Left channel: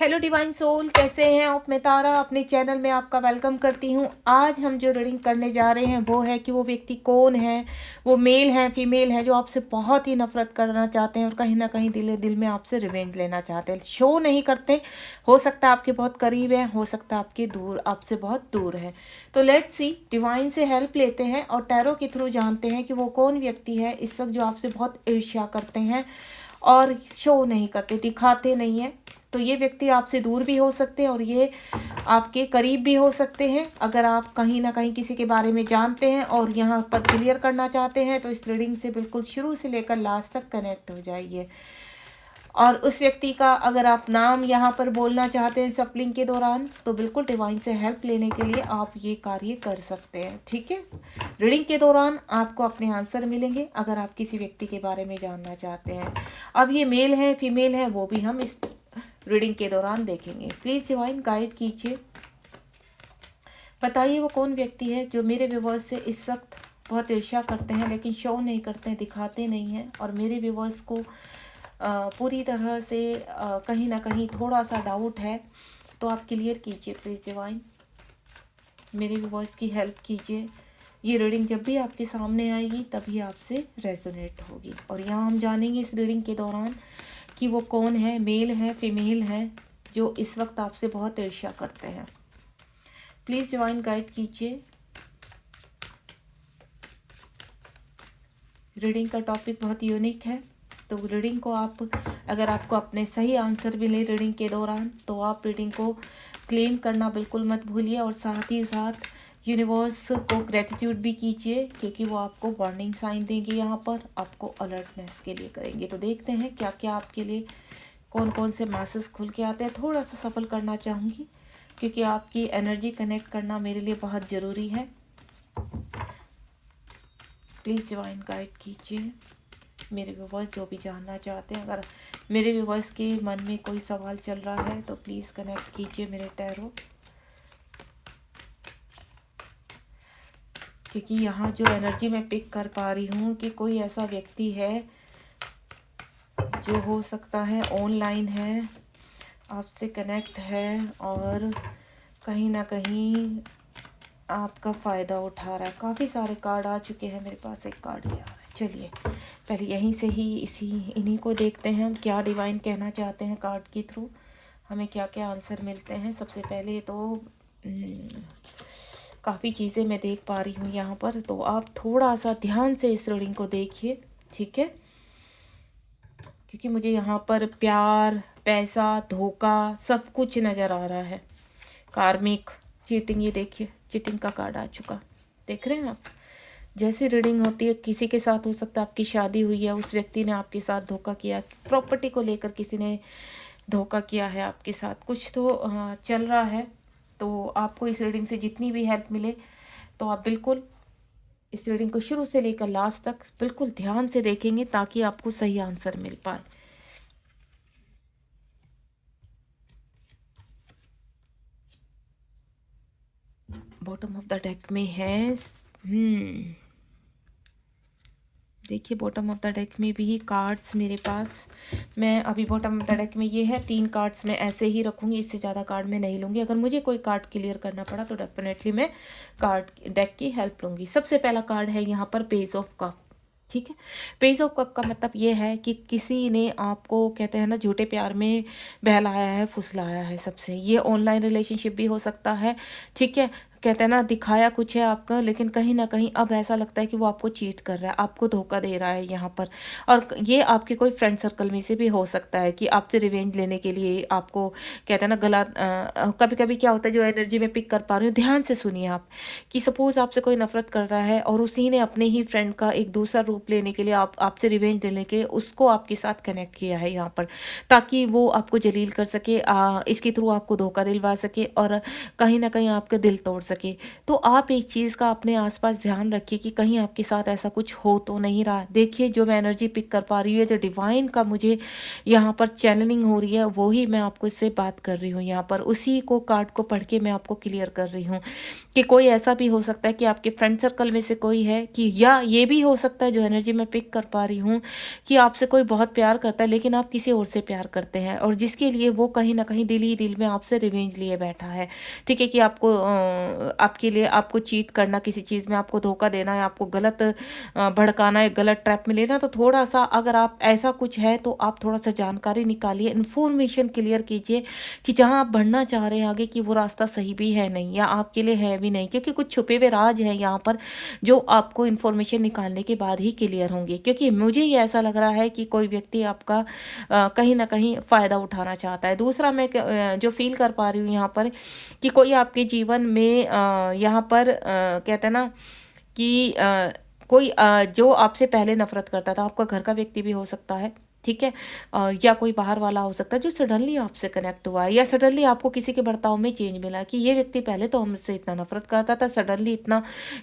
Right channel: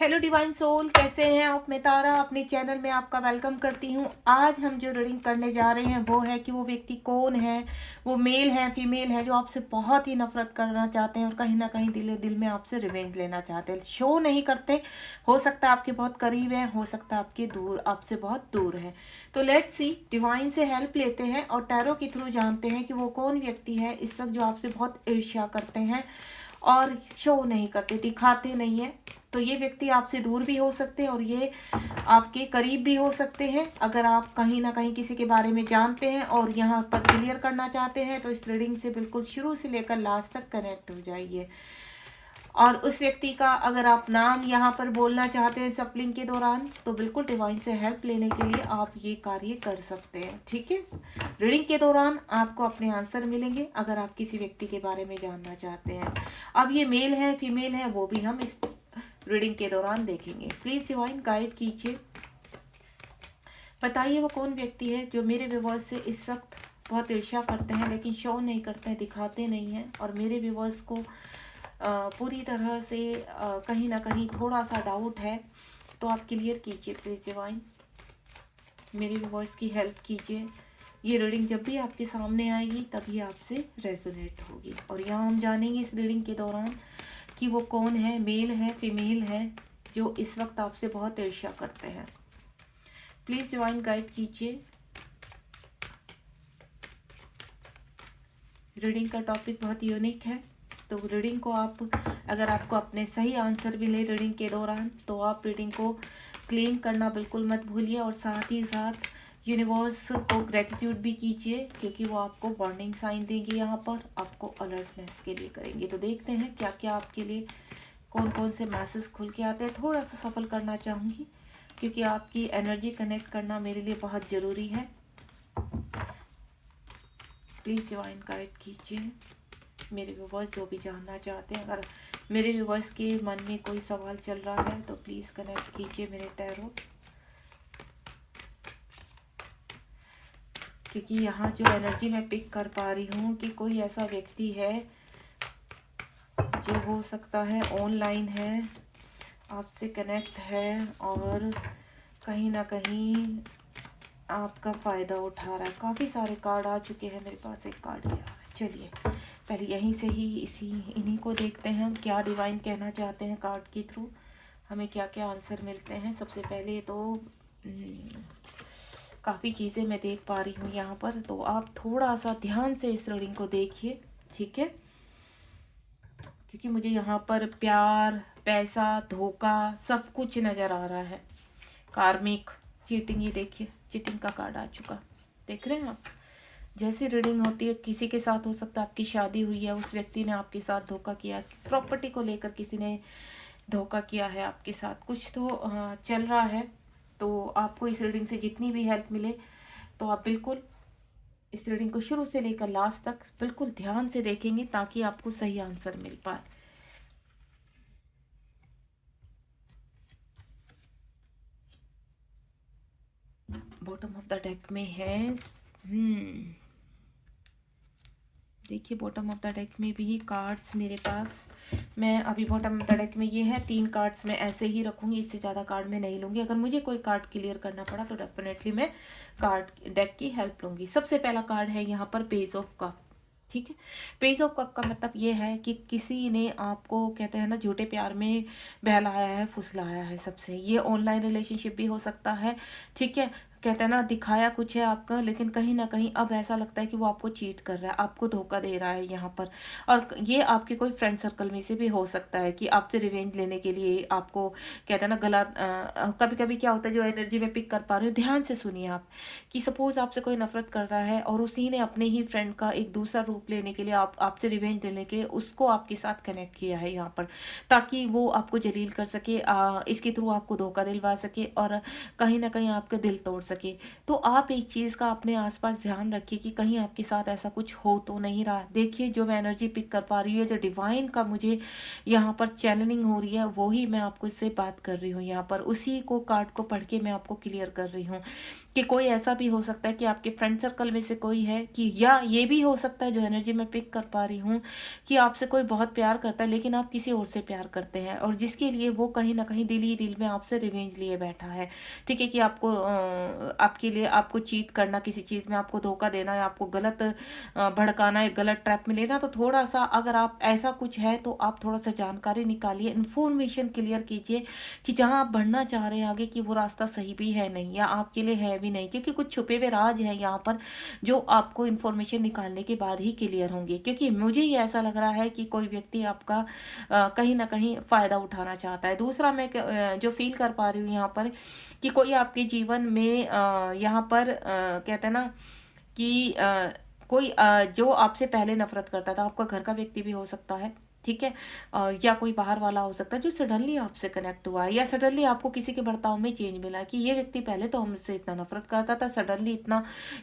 Hello divine soul, कैसे हैं आप? मैं तारा अपने चैनल में आपका वेलकम करती हूँ। आज हम जो रीडिंग करने जा रहे हैं वो है कि वो व्यक्ति कौन है। वो मेल है, फीमेल है, जो आपसे बहुत ही नफरत करना चाहते हैं और कहीं ना कहीं दिल दिल में आपसे रिवेंज लेना चाहते हैं। शो नहीं करते, हो सकता है आपके बहुत करीब है, हो सकता है आपके दूर, आपसे बहुत दूर है। तो लेट्स सी, डिवाइन से हेल्प लेते हैं और टैरो के थ्रू जानते हैं कि वो कौन व्यक्ति है इस वक्त जो आपसे बहुत ईर्ष्या करते हैं और शो नहीं करते, दिखाते नहीं है। तो ये व्यक्ति आपसे दूर भी हो सकते हैं और ये आपके करीब भी हो सकते हैं। अगर आप कहीं ना कहीं किसी के बारे में जानते हैं और यहाँ पर क्लियर करना चाहते हैं तो इस रीडिंग से बिल्कुल शुरू से लेकर लास्ट तक कनेक्ट हो जाइए। और उस व्यक्ति का अगर आप नाम यहाँ पर बोलना चाहते हैं सफलिंग के दौरान तो बिल्कुल डिवाइन से हेल्प लेने के लिए आप ये कार्य कर सकते हैं। ठीक है, रीडिंग के दौरान आपको अपने आंसर मिलेंगे अगर आप किसी व्यक्ति के बारे में जानना चाहते हैं। अब ये मेल है फीमेल है वो भी हम इस रीडिंग के दौरान देखेंगे। प्लीज डिवाइन गाइड कीजिए, बताइए वो कौन व्यक्ति है जो मेरे व्यूवर्स से इस वक्त बहुत ईर्ष्या करते हैं लेकिन शो नहीं करते हैं, दिखाते नहीं हैं और मेरे व्यूवर्स को पूरी तरह से कहीं ना कहीं थोड़ा सा डाउट है। तो आप क्लियर कीजिए प्लीज डिवाइन, मेरे व्यूवर्स की हेल्प कीजिए। ये रीडिंग जब भी आपके सामने आएगी तभी आपसे रेजोनेट होगी। और यहाँ हम जानेंगे इस रीडिंग के दौरान कि वो कौन है, मेल है फीमेल है, जो इस वक्त आपसे बहुत ईर्ष्या करते हैं। प्लीज डिवाइन गाइड कीजिए। रीडिंग का टॉपिक बहुत यूनिक है, तो रीडिंग को आप, अगर आपको अपने सही आंसर मिले रीडिंग के दौरान तो आप रीडिंग को क्लेम करना बिल्कुल मत भूलिए और साथ ही साथ यूनिवर्स को ग्रेटिट्यूड भी कीजिए क्योंकि वो आपको वार्निंग साइन देंगे, यहाँ पर आपको अलर्टनेस के लिए करेंगे। तो देखते हैं क्या क्या आपके लिए कौन कौन से मैसेज खुल के आते हैं। थोड़ा सा सफल करना चाहूँगी क्योंकि आपकी एनर्जी कनेक्ट करना मेरे लिए बहुत ज़रूरी है। प्लीज़ डिवाइन गाइड कीजिए मेरे व्यूवर्स जो भी जानना चाहते हैं। अगर मेरे व्यूवर्स के मन में कोई सवाल चल रहा है तो प्लीज़ कनेक्ट कीजिए मेरे टैरो, क्योंकि यहाँ जो एनर्जी मैं पिक कर पा रही हूँ कि कोई ऐसा व्यक्ति है जो हो सकता है ऑनलाइन है, आपसे कनेक्ट है और कहीं ना कहीं आपका फ़ायदा उठा रहा है। काफ़ी सारे कार्ड आ चुके हैं मेरे पास, एक कार्ड ये आ रहा है। चलिए पहले यहीं से ही इन्हीं को देखते हैं हम क्या डिवाइन कहना चाहते हैं कार्ड के थ्रू, हमें क्या क्या आंसर मिलते हैं। सबसे पहले तो काफ़ी चीज़ें मैं देख पा रही हूँ यहाँ पर, तो आप थोड़ा सा ध्यान से इस रीडिंग को देखिए, ठीक है? क्योंकि मुझे यहाँ पर प्यार, पैसा, धोखा सब कुछ नज़र आ रहा है। कार्मिक, चीटिंग, ये देखिए चीटिंग का कार्ड आ चुका, देख रहे हैं आप? जैसी रीडिंग होती है किसी के साथ हो सकता है आपकी शादी हुई है, उस व्यक्ति ने आपके साथ धोखा किया, प्रॉपर्टी को लेकर किसी ने धोखा किया है आपके साथ, कुछ तो चल रहा है। तो आपको इस रीडिंग से जितनी भी हेल्प मिले तो आप बिल्कुल इस रीडिंग को शुरू से लेकर लास्ट तक बिल्कुल ध्यान से देखेंगे ताकि आपको सही आंसर मिल पाए। बॉटम ऑफ द डेक में है देखिए बॉटम ऑफ द डेक में भी कार्ड्स मेरे पास, मैं अभी बॉटम ऑफ द डेक में ये है 3 कार्ड्स मैं ऐसे ही रखूँगी, इससे ज़्यादा कार्ड मैं नहीं लूँगी। अगर मुझे कोई कार्ड क्लियर करना पड़ा तो डेफिनेटली मैं कार्ड डेक की हेल्प लूँगी। सबसे पहला कार्ड है यहाँ पर पेज ऑफ कप, ठीक है? पेज ऑफ कप का मतलब ये है कि किसी ने आपको, कहते हैं ना, झूठे प्यार में बहलाया है, फुसलाया है सबसे। ये ऑनलाइन रिलेशनशिप भी हो सकता है, ठीक है? कहते हैं ना, दिखाया कुछ है आपका लेकिन कहीं ना कहीं अब ऐसा लगता है कि वो आपको चीट कर रहा है, आपको धोखा दे रहा है यहाँ पर। और ये आपके कोई फ्रेंड सर्कल में से भी हो सकता है कि आपसे रिवेंज लेने के लिए आपको, कहते हैं ना, गला कभी कभी क्या होता है, जो एनर्जी में पिक कर पा रही हूँ ध्यान से सुनिए आप, कि सपोज आपसे कोई नफरत कर रहा है और उसी ने अपने ही फ्रेंड का एक दूसरा रूप लेने के लिए, आपसे रिवेंज लेने के लिए उसको आपके साथ कनेक्ट किया है यहाँ पर, ताकि वो आपको जलील कर सके, इसके थ्रू आपको धोखा दिलवा सके और कहीं ना कहीं आपका दिल तोड़ सके। तो आप एक चीज़ का अपने आसपास ध्यान रखिए कि कहीं आपके साथ ऐसा कुछ हो तो नहीं रहा। देखिए, जो मैं एनर्जी पिक कर पा रही हूँ, जो डिवाइन का मुझे यहाँ पर चैनलिंग हो रही है, वो ही मैं आपको इससे बात कर रही हूँ यहाँ पर। उसी को कार्ड को पढ़ के मैं आपको क्लियर कर रही हूँ कि कोई ऐसा भी हो सकता है कि आपके फ्रेंड सर्कल में से कोई है, कि या ये भी हो सकता है, जो एनर्जी मैं पिक कर पा रही हूँ, कि आपसे कोई बहुत प्यार करता है लेकिन आप किसी और से प्यार करते हैं, और जिसके लिए वो कहीं न कहीं दिल ही दिल में आपसे रिवेंज लिए बैठा है। ठीक है, कि आपको आपके लिए आपको चीट करना, किसी चीज़ में आपको धोखा देना है, आपको गलत भड़काना है, गलत ट्रैप में लेना। तो थोड़ा-सा अगर आप ऐसा कुछ है तो आप थोड़ा-सा जानकारी निकालिए, इन्फॉर्मेशन क्लियर कीजिए कि जहाँ आप बढ़ना चाह रहे हैं आगे, कि वो रास्ता सही भी है नहीं, या आपके लिए है भी नहीं, क्योंकि कुछ छुपे हुए राज हैं यहाँ पर, जो आपको इन्फॉर्मेशन निकालने के बाद ही क्लियर होंगे। क्योंकि मुझे ये ऐसा लग रहा है कि कोई व्यक्ति आपका कहीं न कहीं फ़ायदा उठाना चाहता है। दूसरा, मैं जो फ़ील कर पा रही हूँ यहाँ पर, कि कोई आपके जीवन में यहाँ पर कहते हैं ना कि कोई जो आपसे पहले नफ़रत करता था, आपका घर का व्यक्ति भी हो सकता है, ठीक है? या कोई बाहर वाला हो सकता है, जो सडनली आपसे कनेक्ट हुआ है, या सडनली आपको किसी के बर्ताव में चेंज मिला कि ये व्यक्ति पहले तो हमसे इतना नफ़रत करता था, सडनली इतना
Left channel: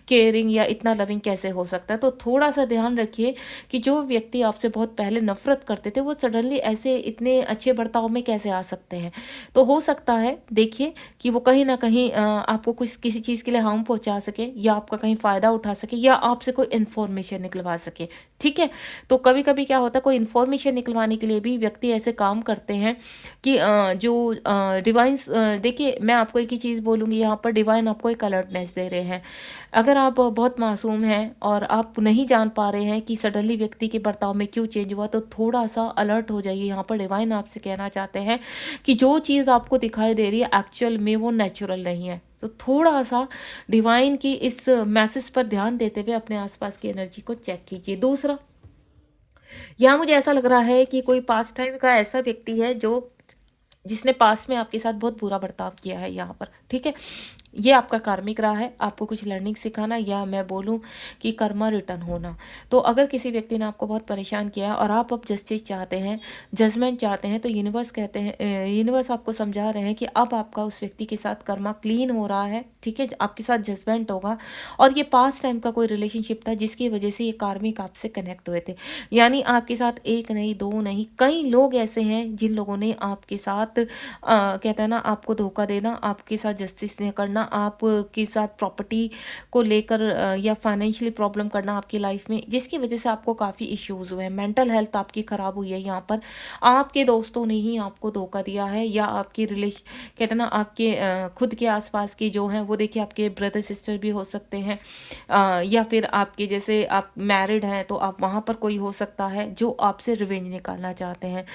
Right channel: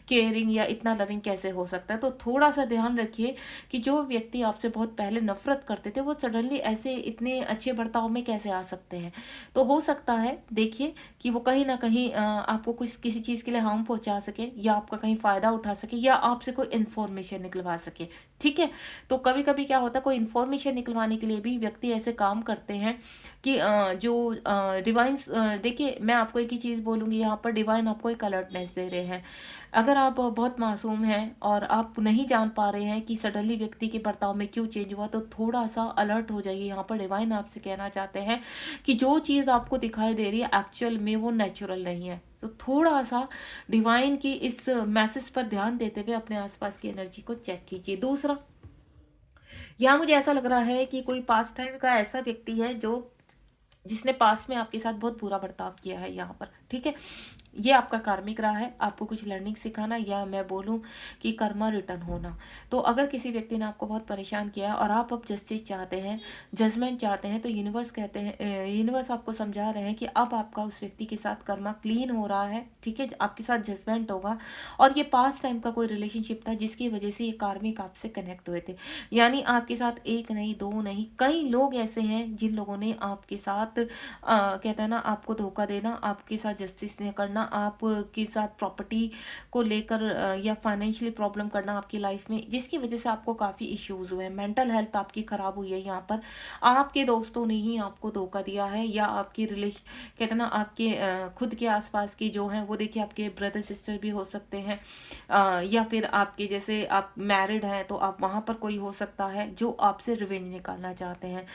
केयरिंग या इतना लविंग कैसे हो सकता है? तो थोड़ा-सा ध्यान रखिए कि जो व्यक्ति आपसे बहुत पहले नफ़रत करते थे, वो सडनली ऐसे इतने अच्छे बर्ताव में कैसे आ सकते हैं? तो हो सकता है, देखिए, कि वो कहीं न कहीं आपको कुछ किसी चीज़ के लिए हार्म पहुँचा सके, या आपका कहीं फ़ायदा उठा सके, या आपसे कोई इन्फॉर्मेशन निकलवा सके, ठीक है? तो कभी-कभी क्या होता है, कोई इन्फॉर्मेशन निकलवाने के लिए भी व्यक्ति ऐसे काम करते हैं कि जो डिवाइन्स देखिए, मैं आपको एक ही चीज़ बोलूँगी यहाँ पर, डिवाइन आपको एक अलर्टनेस दे रहे हैं। अगर आप बहुत मासूम हैं और आप नहीं जान पा रहे हैं कि सडनली व्यक्ति के बर्ताव में क्यों चेंज हुआ, तो थोड़ा-सा अलर्ट हो जाइए। यहाँ पर डिवाइन आपसे कहना चाहते हैं कि जो चीज़ आपको दिखाई दे रही है, एक्चुअल में वो नेचुरल नहीं है। तो थोड़ा-सा डिवाइन की इस मैसेज पर ध्यान देते हुए अपने आसपास की एनर्जी को चेक कीजिए। दूसरा, यहाँ मुझे ऐसा लग रहा है कि कोई पास्ट टाइम का ऐसा व्यक्ति है, जो जिसने पास्ट में आपके साथ बहुत बुरा बर्ताव किया है यहाँ पर, ठीक है? ये आपका कार्मिक रहा है, आपको कुछ लर्निंग सिखाना, या मैं बोलूँ कि कर्मा रिटर्न होना। तो अगर किसी व्यक्ति ने आपको बहुत परेशान किया है और आप अब जस्टिस चाहते हैं, जजमेंट चाहते हैं, तो यूनिवर्स कहते हैं, यूनिवर्स आपको समझा रहे हैं कि अब आपका उस व्यक्ति के साथ कर्मा क्लीन हो रहा है, ठीक है? आपके साथ जजमेंट होगा, और ये पास्ट टाइम का कोई रिलेशनशिप था जिसकी वजह से ये कार्मिक आपसे कनेक्ट हुए थे। यानी आपके साथ एक नहीं, दो नहीं, कई लोग ऐसे हैं जिन लोगों ने आपके साथ कहते हैं ना, आपको धोखा देना, आपके साथ जस्टिस नहीं करना, आपके साथ प्रॉपर्टी को लेकर या फाइनेंशियली प्रॉब्लम करना आपकी लाइफ में, जिसकी वजह से आपको काफ़ी इश्यूज़ हुए हैं। मेंटल हेल्थ आपकी ख़राब हुई है यहाँ पर। आपके दोस्तों ने ही आपको धोखा दिया है, या आपके कहते हैं ना, आपके खुद के आसपास के जो हैं, वो देखिए आपके ब्रदर सिस्टर भी हो सकते हैं, या फिर आपके जैसे आप मैरिड हैं तो आप वहाँ पर कोई हो सकता है जो आपसे रिवेंज निकालना चाहते हैं।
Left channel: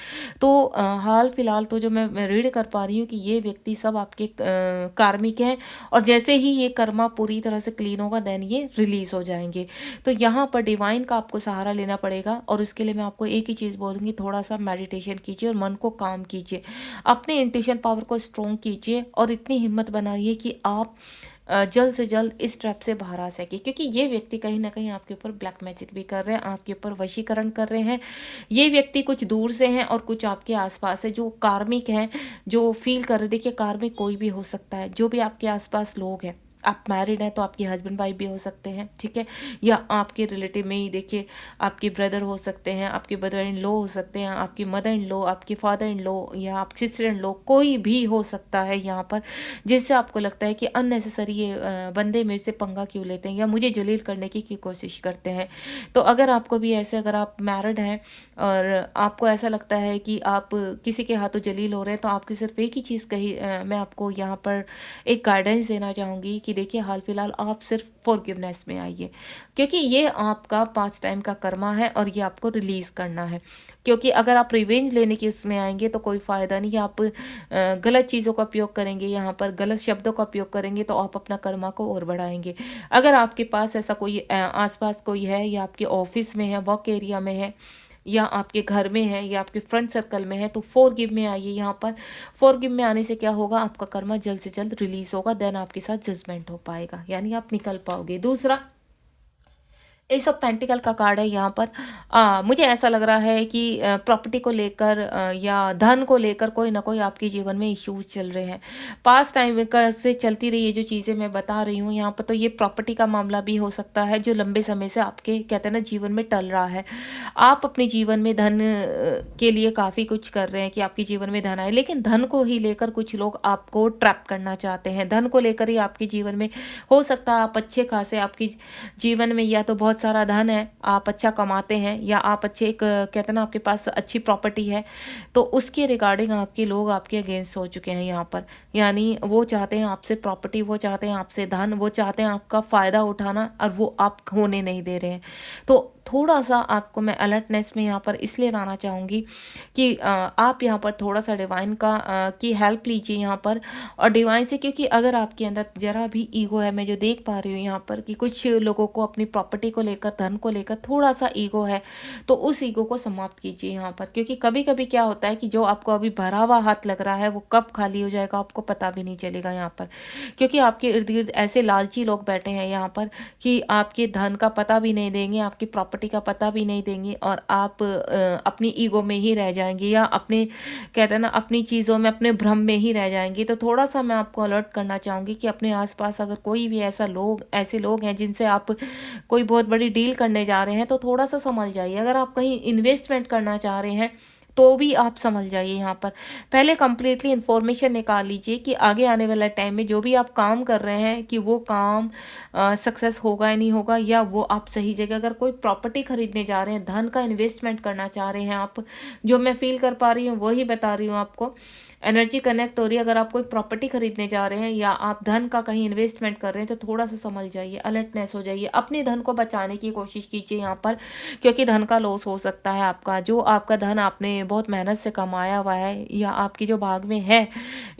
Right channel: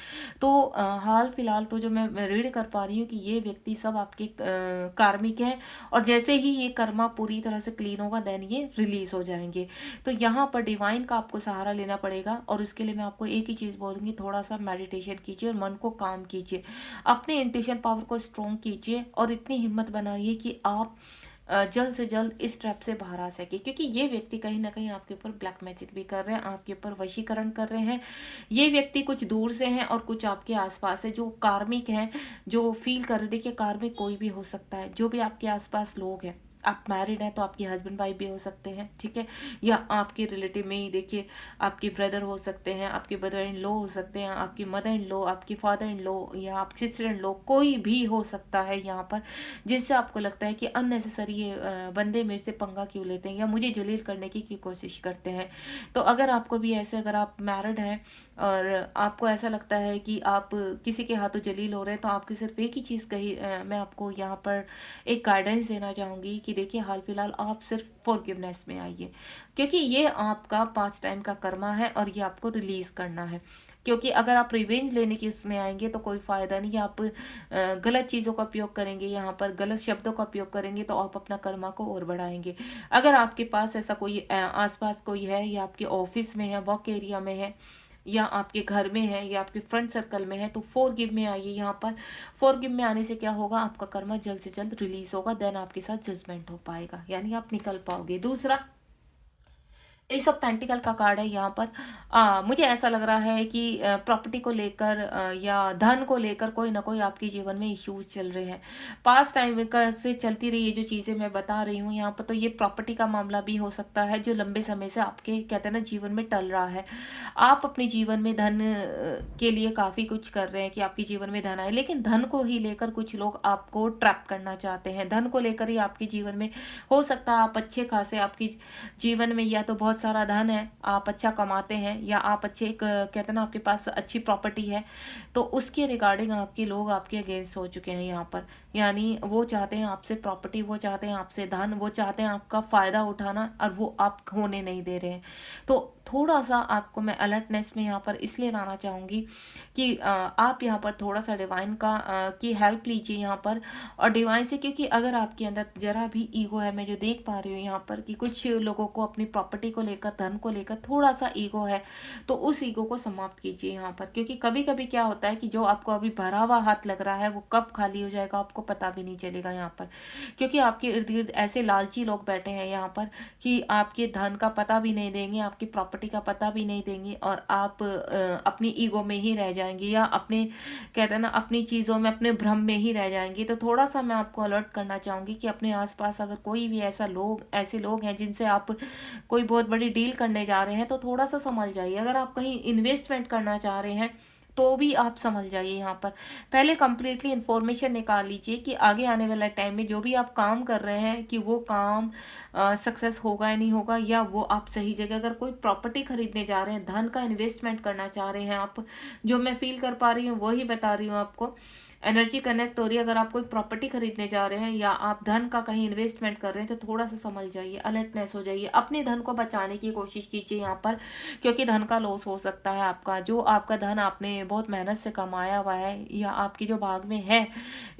तो हाल फिलहाल तो जो मैं रीड कर पा रही हूँ कि ये व्यक्ति सब आपके कार्मिक हैं, और जैसे ही ये कर्मा पूरी तरह से क्लीन होगा, देन ये रिलीज़ हो जाएँगे। तो यहाँ पर डिवाइन का आपको सहारा लेना पड़ेगा, और उसके लिए मैं आपको एक ही चीज़ बोलूँगी, थोड़ा-सा मेडिटेशन कीजिए और मन को काम कीजिए। अपने इंट्यूशन पावर को स्ट्रॉन्ग कीजिए, और इतनी हिम्मत बनाइए कि आप जल्द से जल्द इस ट्रैप से बाहर आ सके, क्योंकि ये व्यक्ति कहीं न कहीं आपके ऊपर ब्लैक मैजिक भी कर रहे हैं, आपके ऊपर वशीकरण कर रहे हैं। ये व्यक्ति कुछ दूर से हैं और कुछ आपके आस-पास है, जो कार्मिक हैं, जो फ़ील कर रहे, देखिए कार्मिक कोई भी हो सकता है, जो भी आपके आस-पास लोग हैं। आप मैरिड हैं तो आपके हस्बैंड वाइफ भी हो सकते हैं, ठीक है? या आपके रिलेटिव में ही देखिए, आपके ब्रदर हो सकते हैं, आपके ब्रदर इन लॉ हो सकते हैं, आपकी मदर इन लॉ, आपके फादर इन लॉ, या आपकी सिस्टर इन लॉ, कोई भी हो सकता है यहाँ पर, जिससे आपको लगता है कि अननेसेसरी ये बंदे मेरे से पंगा क्यों लेते हैं, या मुझे जलील करने की क्यों कोशिश करते हैं। तो अगर आपको भी ऐसे, अगर आप मैरिड हैं और आपको ऐसा लगता है कि आप किसी के हाथों जलील हो रहे हैं, तो आपकी सिर्फ एक ही चीज़ मैं आपको यहाँ पर एक गाइडेंस देना चाहूँगी कि देखिए, हाल फिलहाल आप सिर्फ फॉरगिवनेस में आइए, क्योंकि ये आपका पास्ट टाइम का कर्मा है और ये आपको रिलीज़ करना है। क्योंकि अगर आप रिवेंज लेने की उसमें आएँगे तो कोई फ़ायदा नहीं है। आप गलत चीज़ों का उपयोग करेंगे, यहाँ पर गलत शब्दों का उपयोग करेंगे, तो आप अपना कर्मा को और बढ़ाएँगे। अगर आपके पास ऐसा कोई आस-पास कोई है, या आपके ऑफ़िस में है, वर्क एरिया में है, या आपके घर में है, या आपके फ्रेंड सर्कल में है, तो फ़ॉरगिव में आइए यहाँ पर। फ़ॉरगिव में आने से क्या होगा, आपका कर्मा जल्द से जल्द रिलीज़ होगा, देन आपके साथ जजमेंट हो पाएगा, यानी आप निकल पाओगे। दूसरा, एस ऑफ पेंटिकल का कार्ड है यहाँ पर। मुझे ऐसा लग रहा है कि प्रॉपर्टी को लेकर या धन को लेकर कोई ना कोई आपके जीवन में इश्यूज चल रहे हैं। पास्ट टाइम का से चलती रही है जो चीज़ें मैं बता रही हूँ यहाँ पर, तो ये प्रॉपर्टी का मामला भी हो सकता है जो लंबे समय से आपके कहते हैं ना जीवन में टल रहा है। आप अपने जीवन में धन के लिए काफ़ी कुछ कर रहे हैं कि आपके जीवन में धन आए, लेकिन धन को ही लेकर कुछ लोग आपको ट्रैप करना चाहते हैं। धन को लेकर ही आपके जीवन में हो सकता है आप अच्छे खासे आपकी जीवन में या तो बहुत सारा धन है, आप अच्छा कमाते हैं, या आप अच्छे एक कहते हैं ना आपके पास अच्छी प्रॉपर्टी है, तो उसके रिगार्डिंग आपके लोग आपके अगेंस्ट हो चुके हैं यहाँ पर। यानी वो चाहते हैं आपसे प्रॉपर्टी, वो चाहते हैं आपसे धन, वो चाहते हैं आपका फ़ायदा उठाना, और वो आप होने नहीं दे रहे हैं। तो थोड़ा सा आपको मैं अलर्टनेस में यहाँ पर इसलिए लाना चाहूँगी कि आप यहाँ पर थोड़ा सा डिवाइन का की हेल्प लीजिए यहाँ पर, और डिवाइन से, क्योंकि अगर आपके अंदर जरा भी ईगो है, मैं जो देख पा रही हूँ यहाँ पर कि कुछ लोगों को अपनी प्रॉपर्टी को लेकर, धन को लेकर थोड़ा सा ईगो है, तो उस ईगो को समाप्त कीजिए यहाँ पर। क्योंकि कभी कभी क्या होता है कि जो आपको अभी भरा हुआ हाथ लग रहा है वो कब खाली हो जाएगा आपको पता भी नहीं चलेगा यहाँ पर। क्योंकि आपके इर्द गिर्द ऐसे लालची लोग बैठे हैं यहाँ पर कि आपके धन का पता भी नहीं देंगे, आपकी प्रॉपर्टी का पता भी नहीं देंगे, और आप अपनी ईगो में ही रह जाएंगे, या अपने कहते हैं ना अपनी चीज़ों में, अपने भ्रम में ही रह जाएंगे। तो थोड़ा सा मैं आपको अलर्ट करना चाहूँगी कि अपने आसपास अगर कोई भी ऐसे लोग हैं जिनसे आप कोई बहुत बड़ी डील करने जा रहे हैं, तो थोड़ा सा संभल जाइए। अगर आप कहीं इन्वेस्टमेंट करना चाह रहे हैं तो भी आप समझ जाइए यहाँ पर। पहले कंप्लीटली इन्फॉर्मेशन निकाल लीजिए कि आगे आने वाला टाइम में जो भी आप काम कर रहे हैं कि वो काम सक्सेस होगा या नहीं होगा, या वो आप सही जगह, अगर कोई प्रॉपर्टी खरीदने जा रहे हैं, धन का इन्वेस्टमेंट करना चाह रहे हैं आप, जो मैं फील कर पा रही हूँ वही बता रही हूँ आपको। एनर्जी कनेक्ट हो रही है। अगर आप कोई प्रॉपर्टी खरीदने जा रहे हैं या आप धन का कहीं इन्वेस्टमेंट कर रहे हैं, तो थोड़ा सा समझ जाइए, अलर्टनेस हो जाइए, अपने धन को बचाने की कोशिश कीजिए यहाँ पर। क्योंकि धन का लॉस हो सकता है आपका, जो आपका धन आपने बहुत मेहनत से कमाया हुआ है या आपके जो भाग में है